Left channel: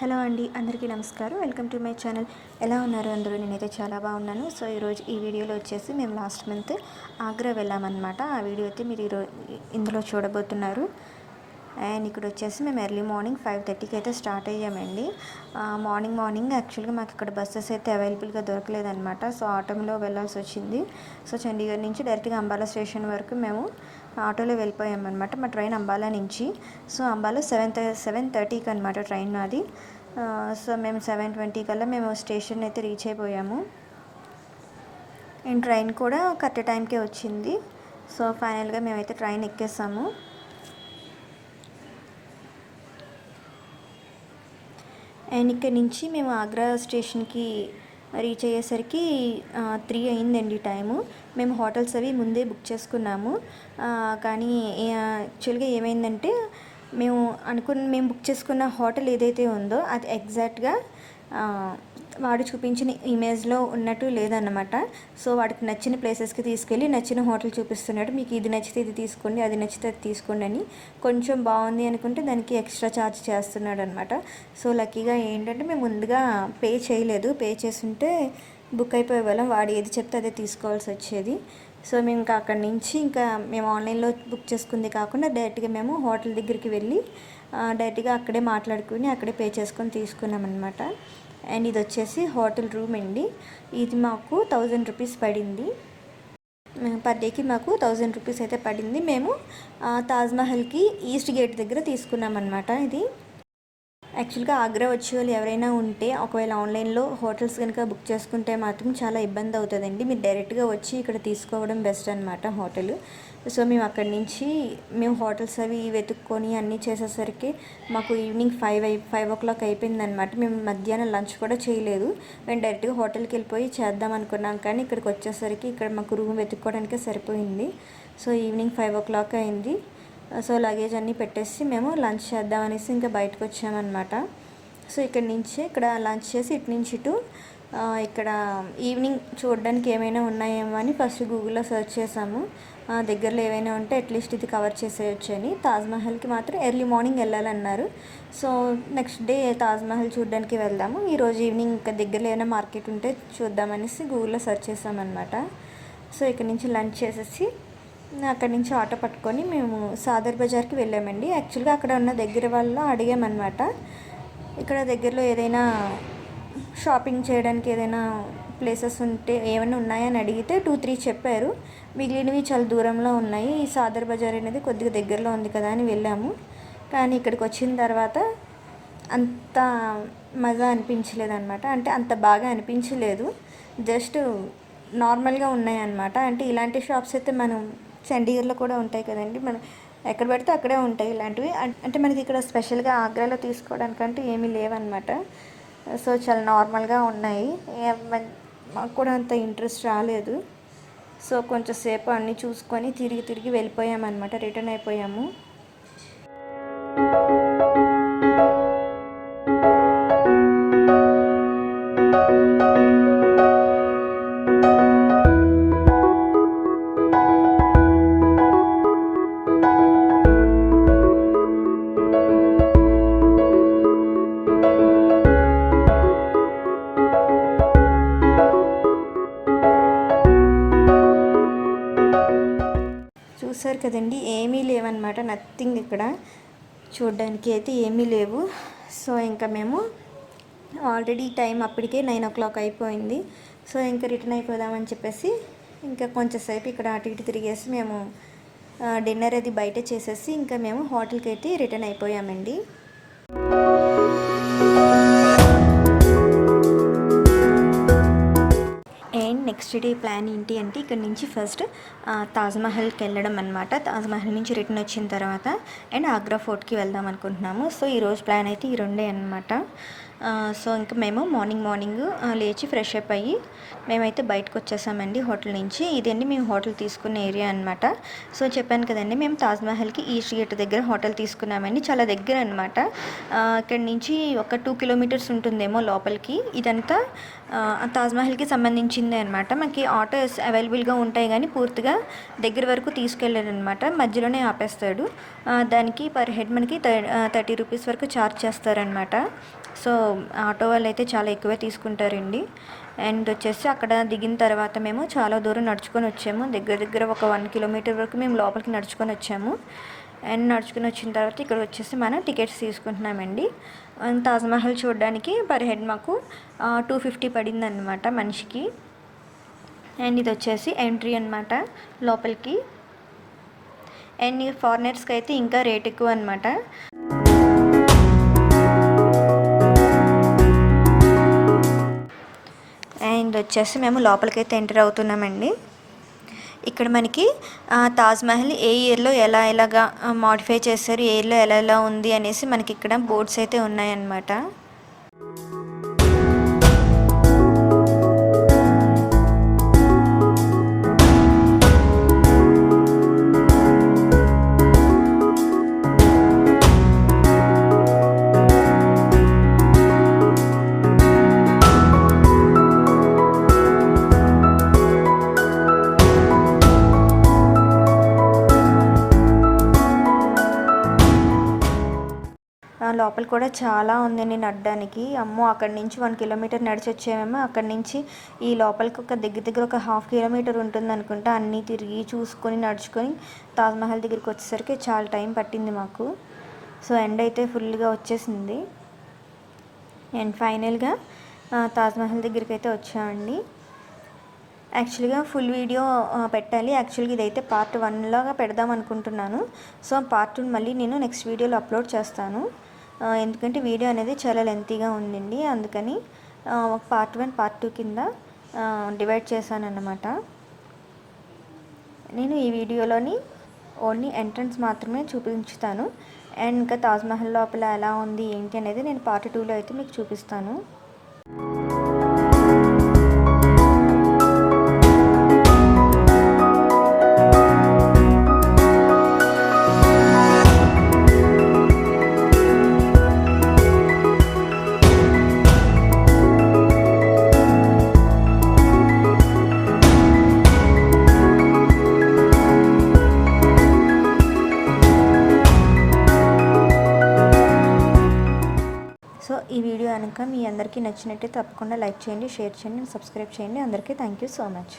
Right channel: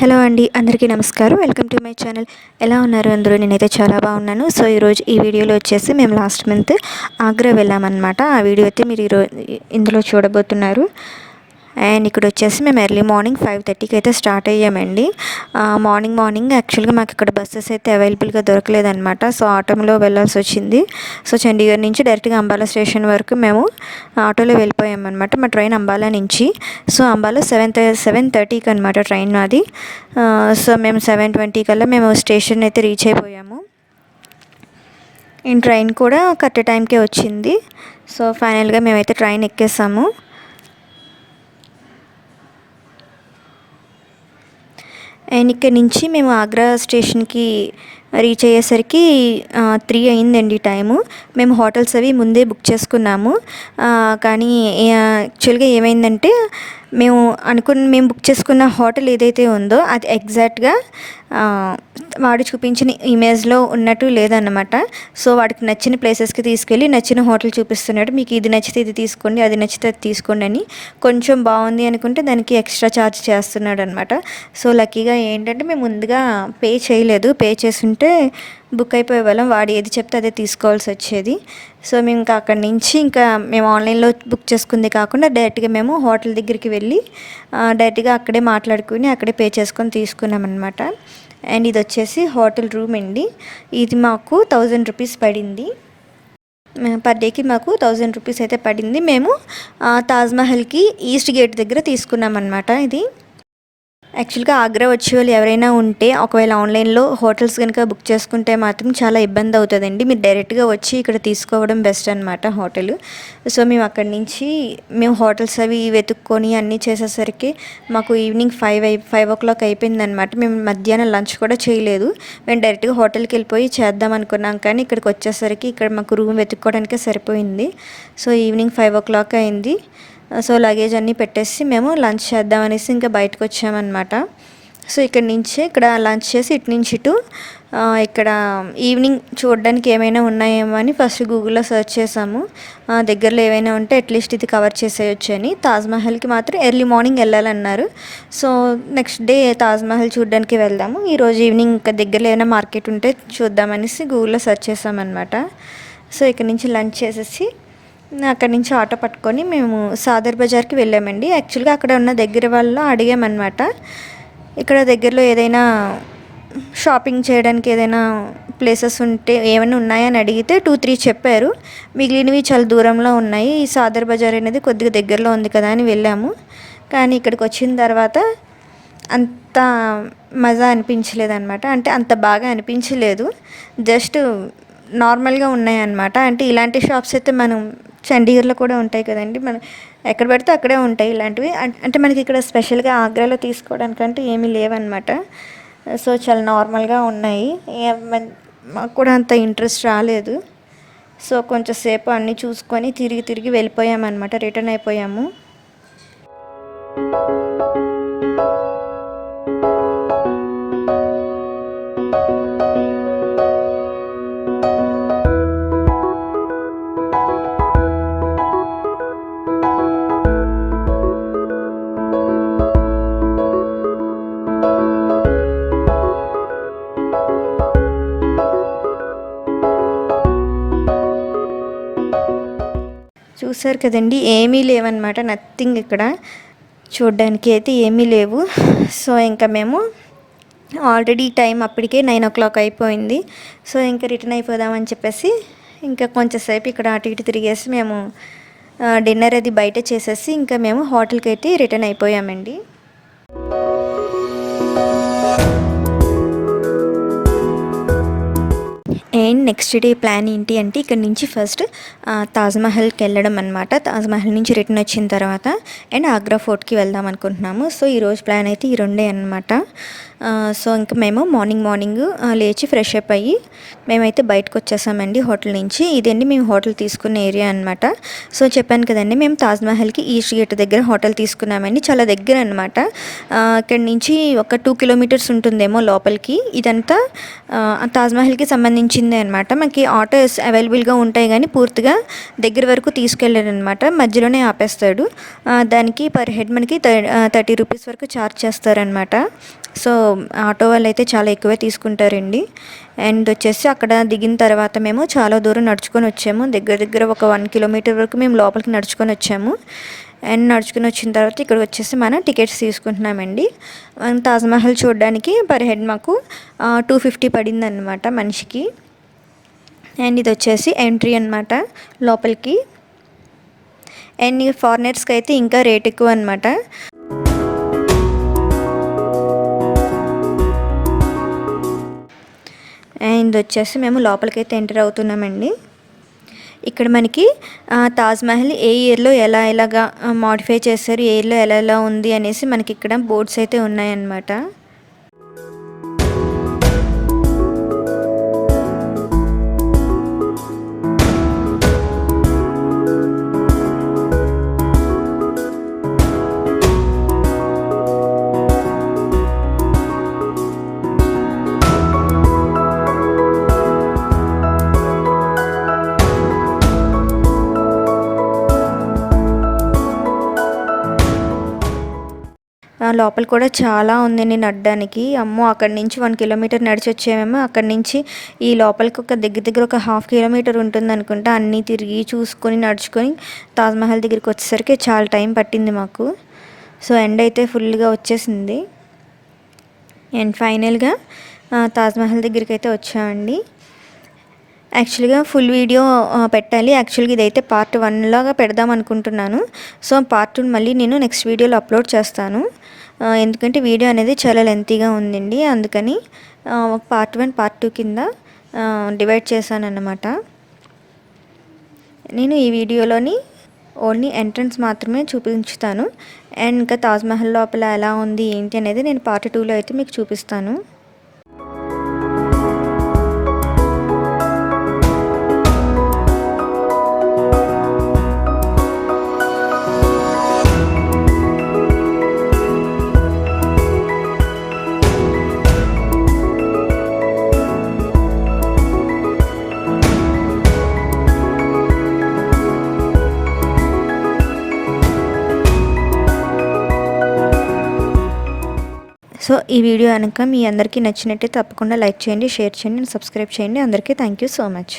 Hello అండి, అందరికీ నమస్కారం. Welcome to my channel. ఎలా ఉన్నారు అందరూ? నేనైతే చాలా బాగున్నాను. సో ఈరోజు ఈ వీడియోలో వచ్చేసి మేము లాస్ట్ మంత్ ఆగ్రా వెళ్ళామన్నమాట. ఆ వీడియో అయితే మీరు ఇందులో చూడబోతున్నారు. అండ్ ఇక్కడ వచ్చేసి మేము ఎర్లీ మార్నింగ్ 5:30కి అయితే స్టార్ట్ అయ్యామండి. మార్నింగ్ యాక్చువల్గా మాకు ఇక్కడ బస్సెస్ అయితే అవైలబుల్గా దొరకలేదన్నమాట. సో ఆటోలో వెళ్ళాల్సి వచ్చింది. సో చండీగఢ్ నుంచి డైరెక్ట్గా అంబాలా స్టేషన్ వరకు మేము ఆటోలో వెళ్ళిపోయామన్నమాట. మా ట్రైన్ అంబాలా నుంచి. సో అంబాలా 7:30కి అనమాట ట్రైన్ అది. సో మేము 7:20 కల్లా మేము స్టేషన్ అయితే రీచ్ అయిపోయాము. ఈ ట్రైన్ కూడా కరెక్ట్ టైంకే వచ్చింది. సో ఫైనల్గా మేమైతే ట్రైన్ ఎక్కేసాము. అండ్ ఇక్కడ నుంచి మేము ఆగ్రా స్టేషన్కి రీచ్ అయ్యేసరికి 3 అయిందండి టైము. మేము హోటల్స్ అవి ముందే బుక్ చేసుకున్నాము. కానీ యాక్చువల్గా ఏమైందంటే మేము బుక్ చేసుకున్న హోటల్ ఏదైతే ఉందో అది ఎగ్జాక్ట్గా వాడు చూపించిన ఇమేజ్లో ఉన్నట్టు లేదన్నమాట. సో వాడికి నచ్చిన ప్లేసెస్కి తీసుకెళ్ళి నచ్చిన హోటల్ చూపిస్తున్నాడు. మీకు ఇది నచ్చితే ఇది తీసుకోండి, అది నచ్చితే అది తీసుకోండి అని. కొంచెం బాగుంది అనుకుంటే దానికి ఎక్స్ట్రా ఛార్జ్ చేస్తున్నాడు అనమాట. సో లక్కీగా ఏంటంటే మేము ముందుగా పే చేయలేదు. పే చేస్తుంటే బుక్ అయిపోయే వాళ్ళం. వాడు ఏది చెప్తే అదే తీసుకోవాల్సి వచ్చేది. సో మేము ఇంకా అక్కడి నుంచి మేము ఆన్లైన్లో బుక్ చేసుకుంది కాకుండా డైరెక్ట్గా మేము హోటల్ దగ్గరికి వెళ్ళి డైరెక్ట్గా అక్కడే మాట్లాడుకుని అక్కడే పే చేసుకొని తీసుకున్నాం అనమాట. అండ్ ఇది వచ్చేసి హోటల్ రూమ్ అండి. ఇది మాకు 1000 రూపీస్ పడింది. పర్ డేకి మాకు 1000 రూపీస్ అయితే పడింది. మేము తాజ్మహల్కి ఈస్ట్ గేట్ దగ్గర తీసుకున్నాం అనమాట. ఇది యాక్చువల్గా ఆగ్రా వచ్చే వాళ్ళు ఎవరైనా ఉంటే ఒకవేళ ఆన్లైన్లో హోటల్స్ కనుక బుక్ చేసుకుంటే మాత్రం చాలా ఇబ్బంది అవుతుందండి. మీరు డైరెక్ట్గా వచ్చి ఇక్కడ తీసుకోవడం బెస్ట్ అనమాట హోటల్. సో మేము అక్కడి నుంచి హోటల్స్ అవి వెతుక్కొని అన్నీ చేసేసరికి మాకు ఈవినింగ్ 5 o'clock అయిపోయిందనమాట. మేము మధ్యాహ్నం లంచ్ కూడా చేయలేదు. మేము డైరెక్ట్గా హోటల్కి వెళ్ళిపోయి చేద్దాం అనుకున్నాం. కానీ ఇక్కడికి వచ్చేసరికి ఇక్కడ మాకు రూమ్ వెతుక్కోవడానికే సరిపోయింది. సో ఈవినింగ్ 5 o'clock అయింది. సో లగేజ్ అన్నీ పెట్టేసి మేము లంచ్ చేద్దామనేసి ఇంకా బయటకు వచ్చామన్నమాట. సో ఇక్కడ లంచ్ చేసి ఇటు నుంచి ఇటు ఇక్కడ ఈవినింగ్ చూడడానికి ఏమైనా ఉన్నాయేమో అని ఫస్ట్ గూగుల్లో సెర్చ్ చేసాము. దగ్గరలో ఏమైనా ఉంటే అట్లీస్ట్ ఇది కవర్ చేసేయచ్చు అని. తాజ్మహల్కి మాత్రం ఎర్లీ మార్నింగ్ వెళ్ళాలన్నారు. సో నెక్స్ట్ డే తాజ్మహల్ చూడడానికి వెళ్దాము. ఈరోజు ఈవినింగ్ ఇంకా దగ్గరలో ఏమైనా మార్కెట్ ఉంటే చూద్దామనేసి గూగుల్లో సెర్చ్ చేసామన్నమాట. సో ఇక్కడ నుంచి లంచ్ చేసేసి అక్కడి నుంచి ఆటో పట్టుకొని మేము సాదర్ బజార్కి వెళ్ళామండి. యాక్చువల్గా అక్కడ ఉన్న దగ్గర వాళ్ళు అడిగామన్నమాట, ఇక్కడ దగ్గరలో ఏదైనా షాపింగ్ చేయడానికి ఏదైనా ప్లేసెస్ ఉంటే ఏమైనా ఉన్నాయని అడిగితే 2-3 చెప్పారు. మిగిలినవి చాలా దూరంలో ఉన్నాయి. ఈ సాదర్ బజార్ అనేది కొద్దిగా దగ్గరలో ఉంది కదా అని వెళ్ళాము. కానీ ఇక్కడికి వచ్చిన తర్వాత అంత మజా అనిపించలేదన్నమాట. అంటే అంత బాగా అనిపించలేదు. జస్ట్ నార్మల్గా ఉన్నాయన్నమాట. అంటే ఇలాంటి షాప్స్ అయితే మనం చండీగఢ్లో కూడా ఉంటాయి కదండి. మనం ఎక్కడ పడితే అక్కడే ఉంటాయి ఇలాంటివి. అంటే మనకి ఇక్కడ స్పెషల్గా ఆగ్రాలో తీసుకోవడానికంటే ఏమీ లేవన్నమాట. సో చాలా నార్మల్గా ఉన్నాయి. మాకు కూడా అంత ఇంట్రెస్ట్ రాలేదు. సో కొంచెంసేపు అన్నీ చూసుకొని తిరిగి వెళ్ళిపోయామన్నమాట. రిటర్న్ అయిపోయాము. చూసారు కదండి, ఏమీ లేవన్నమాట. నథింగ్. ఇక్కడ చూడడానికి అయితే ఏమీ లేవు. సో ఇంకా మేము ఆల్రెడీ టైం అప్పటికే 9 o'clock అయిపోయింది. సో ఇంకా రిటర్న్ అయిపోదామని చెప్పేసి ఇంకా కొంచెంసేపు ఇక్కడ అటు ఇటు తిరిగేసి మేము డిన్నర్ అది బయట చేసేసి ఇంకా మేము హోటల్కి అయితే రిటర్న్ అయిపోయామండి. అండ్ నెక్స్ట్ డే ప్లాన్ ఏంటి అంటే ఇక్కడ నుంచి ఫస్ట్ తాజ్మహల్కి వెళ్ళడం అనమాట. తాజ్మహల్ నుంచి రిటర్న్ వచ్చిన తర్వాత అండ్ ఆగ్రా ఫోర్ట్కి వెళ్దాం అనుకుంటున్నాము. సో ఈరోజు ప్లాన్ అయితే ఈ రెండే అనమాట. సో ఇంకా మేము మార్నింగ్ లేచి ఫ్రెష్ అప్ అయ్యి మేమైతే బయటకు వచ్చేసామండి హోటల్ నుంచి. ఇదండి మేము హోటల్ తీసుకున్న ఏరియా అనమాట. సో చెప్పాను కదండి, మేము తాజ్మహల్కి ఈస్ట్ గేట్ దగ్గర హోటల్ తీసుకున్నామండి. చాలా దగ్గర అనమాట. ఇక్కడ నుంచి ఒక 2 kilometers ఉంటుందేమో లోపలికి. ఇదంతా తాజ్మహల్కి సంబంధించిందే అనమాట. అనమాట. మనకి ఆటోస్ అవైలబుల్గా ఉంటాయి కానీ పూర్తిగా దగ్గర వరకు తీసుకెళ్ళారనమాట, మధ్యలోనే ఆపేస్తాడు. దానికి పర్ హెడ్ మనకి 30 రూపీస్ వరకు ఛార్జ్ చేస్తారనమాట. సో ఆటో వాళ్ళు అయితే చాలా ఎక్కువే తీసుకుంటారండి. అండ్ వచ్చేసి అక్కడ దిగిన తర్వాత మేము చాలా దూరం నడుచుకొని వచ్చాము. దగ్గర ఒక 1 కిలోమీటర్ వరకు మేము లోపలికి నడుచుకొని వచ్చాము. అండ్ నడుచుకుని వచ్చిన తర్వాత ఇక్కడ వచ్చేసి మనం టికెట్స్ తీసుకుంటున్నామండి. తాజ్మహల్ చూడడానికి పర్ హెడ్ మాకు 250 పడింది అనమాట మనిషికి. అండ్ ఇది వచ్చేసి ఎంట్రీ అనమాట లోపలికి. అండ్ ఫారినర్స్కి అయితే ఇంకా రేట్ ఎక్కువ అనమాట. అండ్ వచ్చేసి మేము లోపలికైతే ఎంటర్ అవుతున్నామండి. ఇక్కడ మనకి తాజ్మహల్ ఏ ఇయర్లో ఎలాగా మోడిఫై చేశారు, ఏ ఇయర్లో ఎలా ఉంది అనేసి మనకి ఇక్కడ బోర్డ్స్ అయితే ఉన్నాయన్నమాట. లోపల కూడా చాలా ఉందండి నడడానికి. అమ్మో, అక్కడి నుంచి 1 కిలోమీటర్ నడిచి వచ్చామేమో. అక్కడి నుంచి ఈ లోపలికి ఒక దగ్గర ఒక 1/2 కిలోమీటర్ ఉంటుంది అనుకుంటా. అన్నీ తిరిగి చూసుకొని నడుచుకొని తాజ్మహల్ దగ్గరికి వచ్చేసరికి చాలా టైం పట్టింది మాకు. సో ఎండ్ అయితే ఫుల్గా వచ్చేసింది. అండ్ ఫైనల్గా తాజ్మహల్ దగ్గరికి అయితే వచ్చామండి. యాక్చువల్గా ఫుల్ వీడియో పెట్టాలి. యాక్చువల్గా ఇదైతే పార్ట్ 1 లాగా పెడదాం అనుకుంటున్నాను. సో పార్ట్ 2 మళ్ళీ నేను నెక్స్ట్ వీడియోలో అప్లోడ్ చేస్తాను. ఎందుకంటే వీడియో అనేది చాలా లెంతీగా ఉందండి. అందుకని పార్ట్ 1 పార్ట్ 2 కింద డివైడ్ చేశాను అన్నమాట. నేను ఈ వీడియోలోని ఓన్లీ ఎంట్రన్స్ మాత్రమే చూపించుతాను. అండ్ ఇంకా తాజ్మహల్ లోపల ఎలా ఉంది ఏంటి అనేది నేను పార్ట్ 2లో అయితే మీకు చూపిస్తాను. సో ఈ వీడియో కనుక మీ అందరికీ నచ్చినట్టే తప్పకుండా లైక్ చేయండి, షేర్ చేయండి, సబ్స్క్రైబ్ చేయండి. అందరికీ థ్యాంక్ యూ సో మచ్.